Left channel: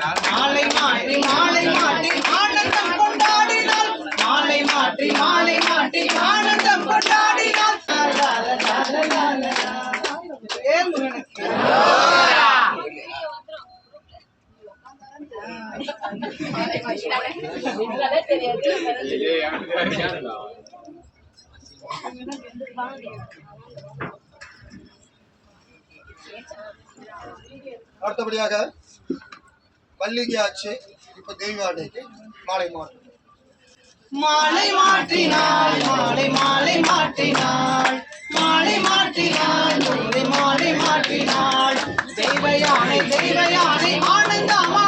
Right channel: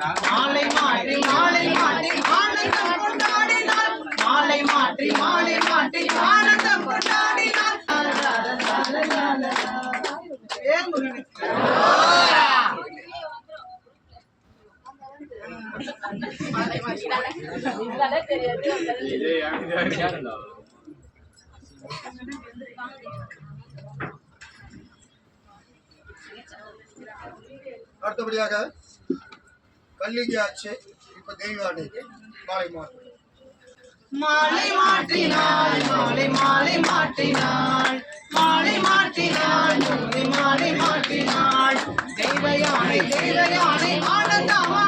மாலை மாற்றி மாலை மாற்றி ஆனந்தம் கொண்டாடினாள் மாலை மாற்றி மாலை மாற்றி ஆனந்தம் கொண்டாடினாள் அடுத்தபடியாக பள்ளிக்கு ஆச்சு. இப்ப தெய்வானைக்கு மாலை மாற்று. மாலை மாற்றினாள் மாலை மாலை மாற்றினாள் மாலை மாற்றினாள் மாலை மாலை மாற்றினாள் தெய்வயானை தெய்வயானை ஆனந்தமா